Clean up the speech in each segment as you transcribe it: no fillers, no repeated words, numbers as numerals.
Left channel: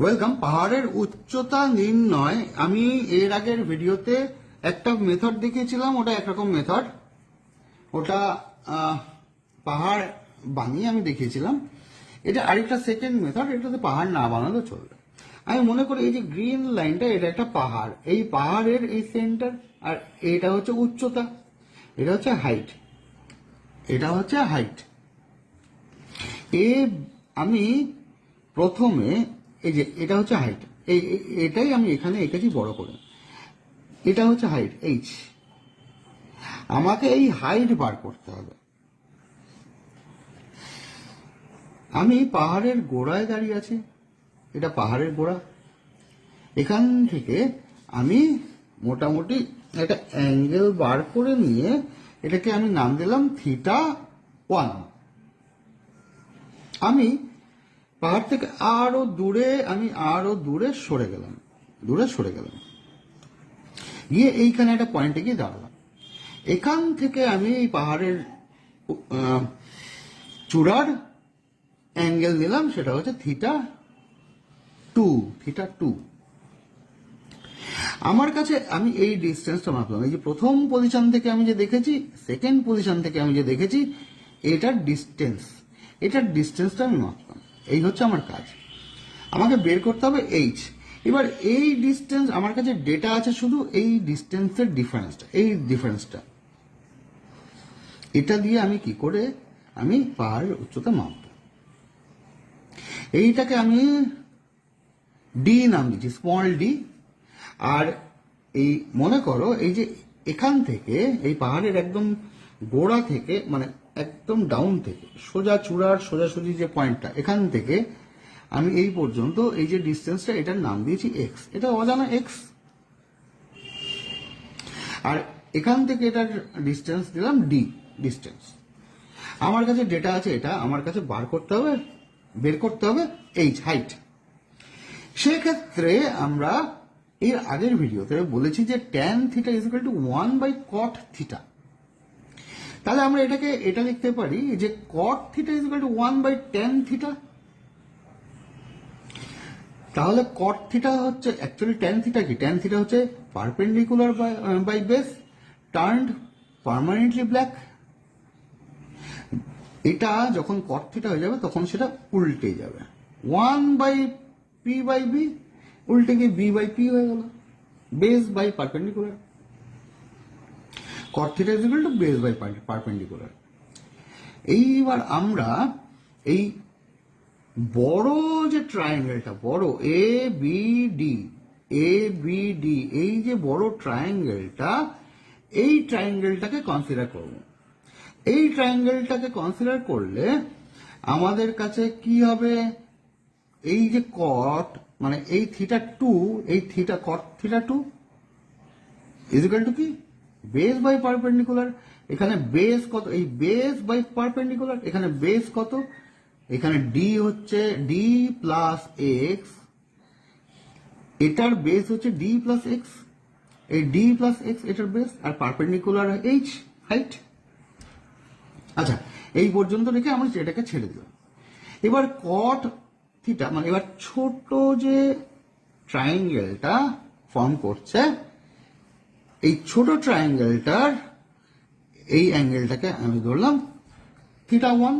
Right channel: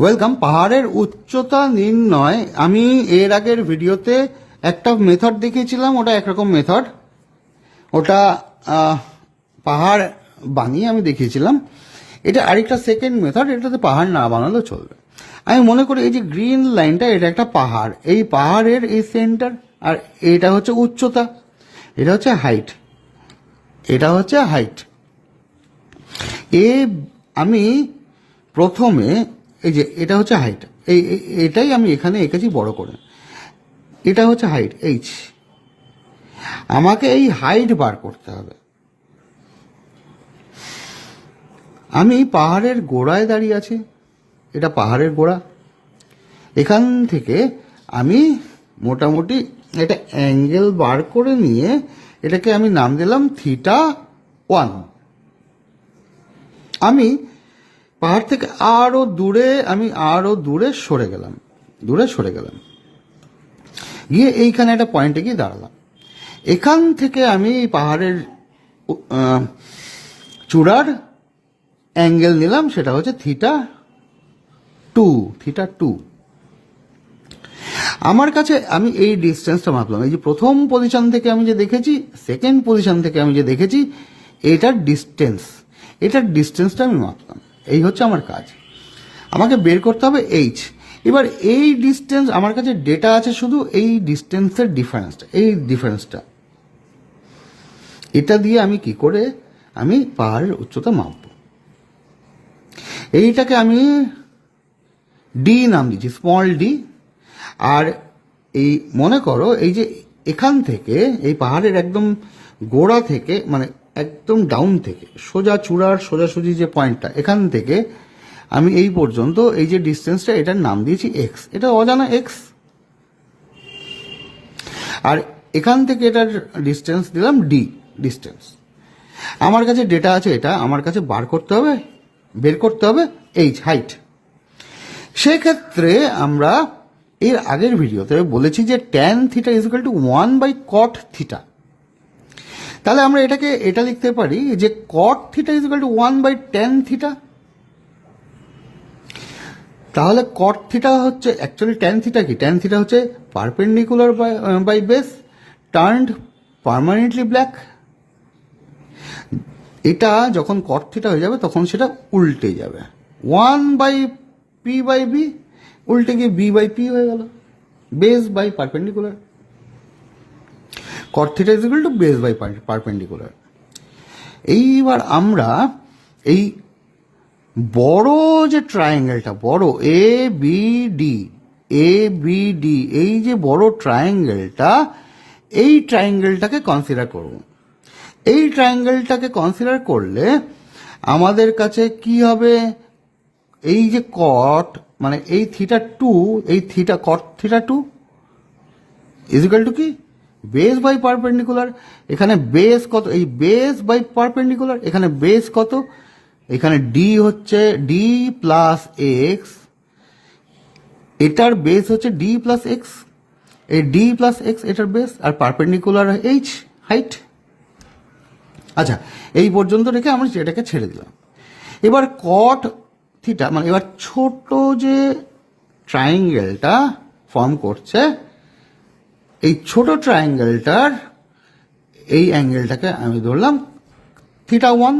Welcome. পাহাড়ের উচ্চতা নির্ণয় আমি এর আগের ভিডিওতে একটা মেথড দেখিয়েছিলাম, ওটা একরকম মেথড, ওটা পাহাড় বানিয়ে আমি দেখিয়েছিলাম। এটা আরেকটা সেকেন্ড মেথড, এটাতে পাহাড় না বানালেও চলবে। আমি মনে করি এই যে গ্রিন লাইনটা, এটা একটা পাহাড়, এই পাহাড়ের এই সেন্টার, আর এটা হচ্ছে উচ্চতা, এটা হচ্ছে হাইট, এটা হচ্ছে হাইট। আমি প্রথমে এই যে এটা হচ্ছে হাইট, এটাই আমি এখানে এঁকেছি বড় করে, এটা হচ্ছে হাইট এইচ। আমাকে এই হাইট বার করতে হবে। আমি পাহাড়ের গোড়ায় দাঁড়িয়ে আছি, এটা পাহাড়ের গোড়া। এখান থেকে আমি মোটামুটি একটা অ্যাঙ্গেল বার করে নিয়ে এটাকে আমি নাম দিলাম θ1। আমি পাহাড় থেকে আরো দূরে সরে গেলাম, গিয়ে এইখানে একটা পয়েন্টে গিয়ে দাঁড়ালাম। এখান থেকে আমি পাহাড়ের চূড়ার অ্যাঙ্গেল নিলাম, সেটা হচ্ছে θ2। আমার কাছে আমি এই ডিস্টেন্সটা মাপলাম। এই যে প্রথম পজিশন থেকে আমি যে দেখেছি, সেকেন্ড পজিশন থেকে আমি যে দেখেছি, এটার ডিস্টেন্সটা আমি মাপলাম। এই হচ্ছে আমার কাজ। আমাকে বের করতে হবে এইচ। এবার এই ডিস্টেন্স, আমার কাছে ডেটা আছে শুধু এই ডিস্টেন্সের ডিফারেন্সটা, এটা দিয়ে আমি কি করে আমি পাহাড়ের উচ্চতা মাপব। এইটাকে আমি ডি নাম দিচ্ছি, স্মল ডি। আর এই মনে করো এই যে এখান থেকে, এই পাহাড়ের একদম গোড়া থেকে, মানে একদম ডাউন থেকে সোজা চূড়ার সোজাসুজি যে পয়েন্টটা, এখান থেকে আমি এই পর্যন্ত এই যে ডিস্টেন্সটা, এটার নাম দিয়েছি এক্স। এটা অজানা এক্স। আর এখান থেকে এটার ডিস্টেন্স দিলাম ডি ডিস্টেন্স। আমার কাছে ডেটা আছে এটা, আমার কাছে বের করতে হবে এইচ, হাইট। সেক্ষেত্রে আমরা এর আগের ভিডিওতে বলেছি যে tan θ = 1/cot θ। তাহলে আমরা এটা লিখতে পারি যে cot θ = 1/tan θ। তাহলে cot θ হচ্ছে অ্যাকচুয়ালি tan θ কি? tan θ হচ্ছে perpendicular by base turned permanently black. এটা যখন cot θ হয়ে যাবে তখন সেটা উল্টে যাবে, 1/p/b উল্টে গিয়ে b/p হয়ে গেল, base by perpendicular. cot θ = base by perpendicular. এইবার আমরা এই বড় যে ট্রায়াঙ্গেলটা, বড় এ বি ডি, এই যে বড় ট্রায়াঙ্গেলটা, এই ট্রায়াঙ্গেলটাকে কনসিডার করব। এই ট্রায়াঙ্গেলটাকে কনসিডার করলে আমাদের কাছে কি হবে? এই যে কট, মানে এই θ2, এই cot θ2 = কি? Base by perpendicular. এখানে বেস কত? এই বেস বাই পারপেন্ডিকুলার। এখানে বেস কত? এখানে ডি হচ্ছে ডি প্লাস এক্স, এটার বেস হচ্ছে ডি প্লাস এক্স, এই ডি প্লাস এক্স এটার বেস, আর পারপেন্ডিকুলার এইচ, হাইট। আচ্ছা, এই পর্যন্ত রেখে আমরা এটাকে ছেড়ে দিলাম। এবার cot θ, মানে এবার ছোট যে ট্রায়াঙ্গেলটা ফর্ম করছে, এই ছোট ট্রায়াঙ্গেলটার এই অ্যাঙ্গেলটাকে আমি ধরলাম θ1।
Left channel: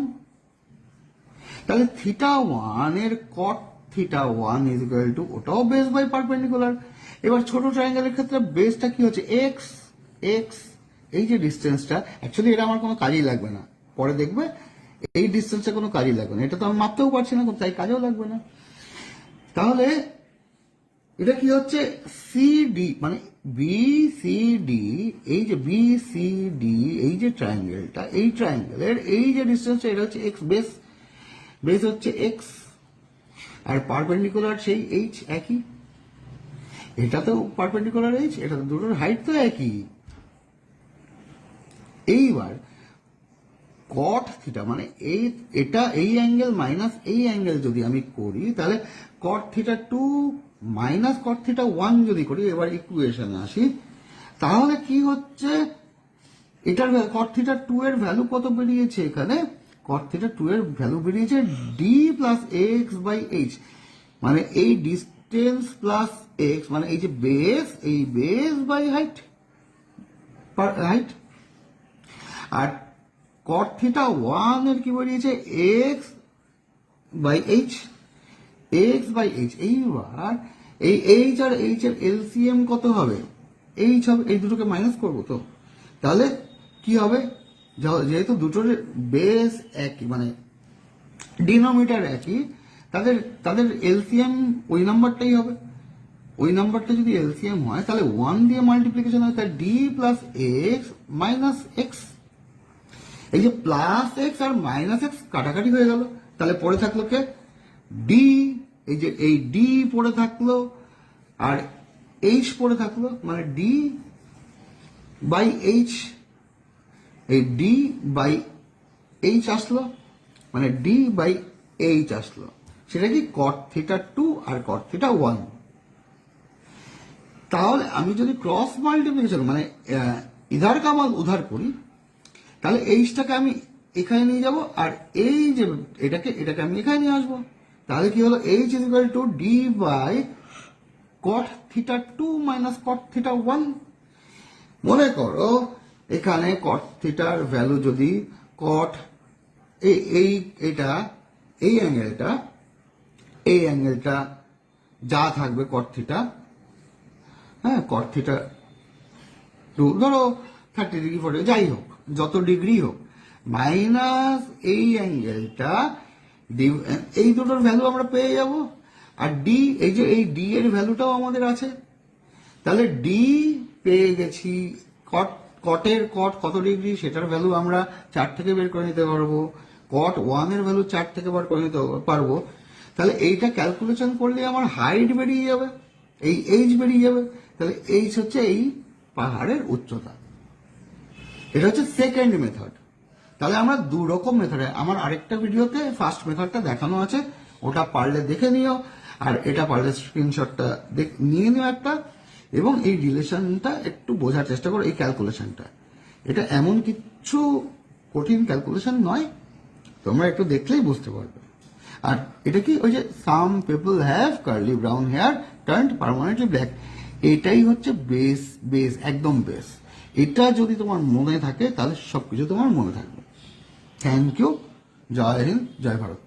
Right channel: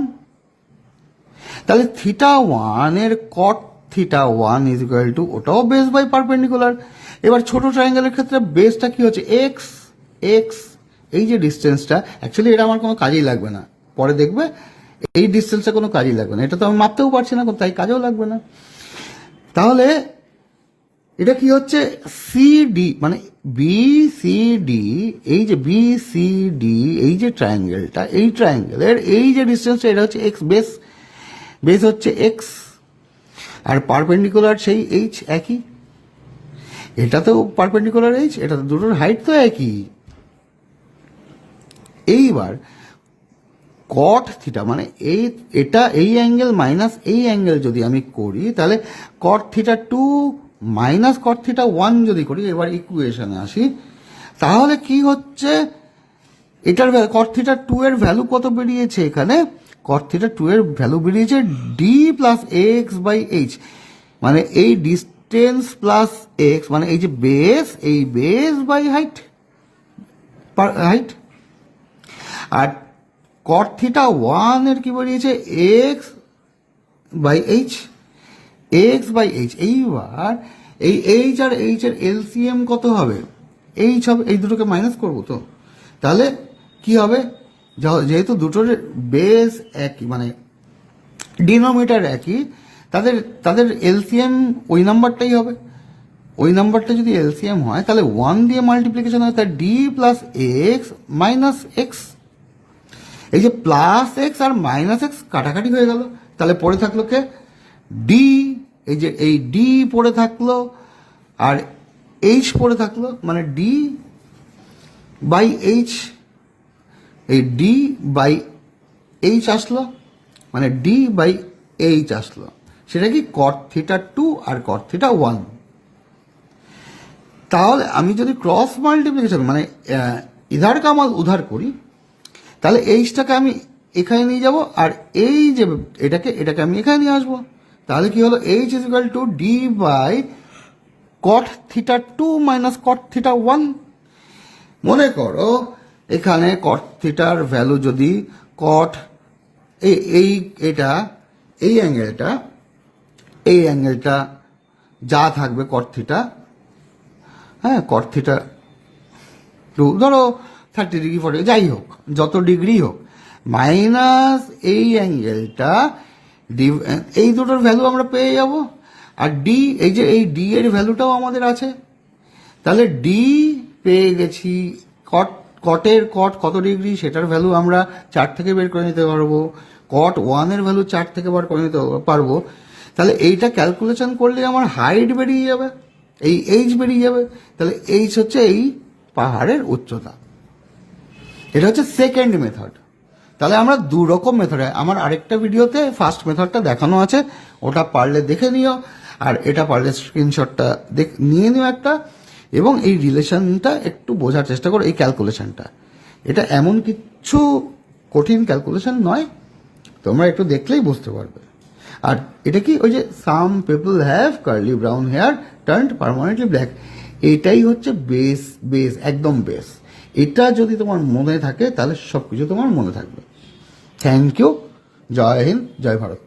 তাহলে θ1 এর cot θ1 = ওটাও বেস বাই পারপেন্ডিকুলার। এবার ছোট ট্রায়াঙ্গেলের ক্ষেত্রে বেসটা কি হচ্ছে? এক্স। এই যে ডিস্টেন্সটা, অ্যাকচুয়ালি এটা আমার কোনো কাজেই লাগবে না, পরে দেখবে এই ডিস্টেন্সটা কোনো কাজেই লাগবে না, এটা তো আমি মাপতেও পারছি না, তাই কাজেও লাগবে না। তাহলে এটা কি হচ্ছে? সিডি, মানে বিসিডি, এই যে বিসিডি, এই যে ট্রায়াঙ্গেলটা, এই ট্রায়াঙ্গেলের এই যে ডিস্টেন্সটা, এটা হচ্ছে এক্স। বেস হচ্ছে এক্স, আর পারপেন্ডিকুলার সেই এইচ একই। এটা তো পারপেন্ডিকুলার এইচ, এটা তো দুটোর হাইট তো একই। এইবার cot θ, মানে এই অ্যাঙ্গেল মাইনাস এই অ্যাঙ্গেল যদি আমি করি, তাহলে cot θ2 মাইনাস cot θ1 যদি করি, এবার ইকুয়েশনে আসি, তাহলে কি হচ্ছে? এটার cot θ2 এর ভ্যালু কত বেরিয়েছে? এখানে cot θ2 এর ভ্যালু বেরিয়েছে D plus X by H. মানে এই ডিস্টেন্স প্লাস এক্স, মানে এই যে বেস, এই বেস বাই হাইট, হাইট। আর কট থিটা ওয়ান এর কি বেরিয়েছে, X by H, X by H. এইবার এই এইচ আর এইচ এর এলসিএম কত হবে, এইচ হবে, এই দুটোকে মাইনাস করবো তো, তাহলে কি হবে, যেহেতু দুটোর বেস একই মানে ডিনোমিনেটর একই, তাদের তাদের এলসিএম ওই নাম্বারটাই হবে। ওই নাম্বারটা যদি এলসিএম হয় তাহলে ওয়ান দিয়ে মাল্টিপ্লিকেশন হয়, তার D plus x minus x. এই যে প্লাস এক্স আর মাইনাস এক্স কাটাকাটি হয়ে গেল, তাহলে পড়ে থাকলো কে, ডি। এই যে এই ডি পড়ে থাকলো আর এইচ পড়ে থাকলো, মানে ডি বাই এইচ, এই ডি বাই এইচ আসলো, মানে ডি বাই এইচ আসলো। সেটা কি কট থিটা টু আর কট থিটা ওয়ান। তাহলে আমি যদি ক্রস মাল্টিপ্লিকেশন মানে ইধার কামাল উধার করি, তাহলে এইচটাকে আমি এখানে নিয়ে যাব, আর এই যে এটাকে আমি এখানে নিয়ে আসবো। তাহলে কি হলো, H is equal to D by cot theta two minus cot theta one. মনে করো এখানে কট থিটার ভ্যালু যদি কট এই অ্যাঙ্গেলটা যা থাকবে কট থিটা, হ্যাঁ কট থিটা টু ধরো 30 ডিগ্রি 40 যাই হোক, যত ডিগ্রি হোক, মাইনাস এই অ্যাঙ্গেলটা, এই দুটোর ভ্যালু আমরা পেয়ে যাব। আর ডি, এই যে এই ডি এর ভ্যালুটাও আমাদের আছে, তাহলে ডি পেয়ে গেছি। কটের কট কত ডিগ্রি সেটার ভ্যালু আমরা 4 থেকে বের করে নিতে পারবো, কট ওয়ানের ভ্যালু 4 থেকে বার করে নিতে পারবো। তাহলে এইটা ক্যালকুলেশন করলে আমার হাইট বেরিয়ে যাবে, এই এইচ বেরিয়ে যাবে। তাহলে এইচ হচ্ছে এই পাহাড়ের উচ্চতা। এটা হচ্ছে সেকেন্ড মেথড। তাহলে আমরা দু রকম মেথডে, আমার আরেকটা ভিডিওতে ফার্স্ট মেথডটা দেখানো আছে, ওটা পারলে দেখে নিও, আর এটা পারলে স্ক্রিনশটটা নিয়ে নিও একটা, এবং এই রিলেশনটা একটু বোঝার চেষ্টা করো, এই ক্যালকুলেশনটা। এটা এমন কিছু কঠিন ক্যালকুলেশন নয়, তোমরা একটু দেখলেই বুঝতে পারবে। আর এটা কি, ওই যে some people have curly brown hair turned permanently black, এটাই হচ্ছে বেস একদম বেস। এটা যদি তোমার মনে থাকে তাহলে সব কিছু তোমার মনে থাকবে। Thank you. জয় হিন্দ, জয় ভারত।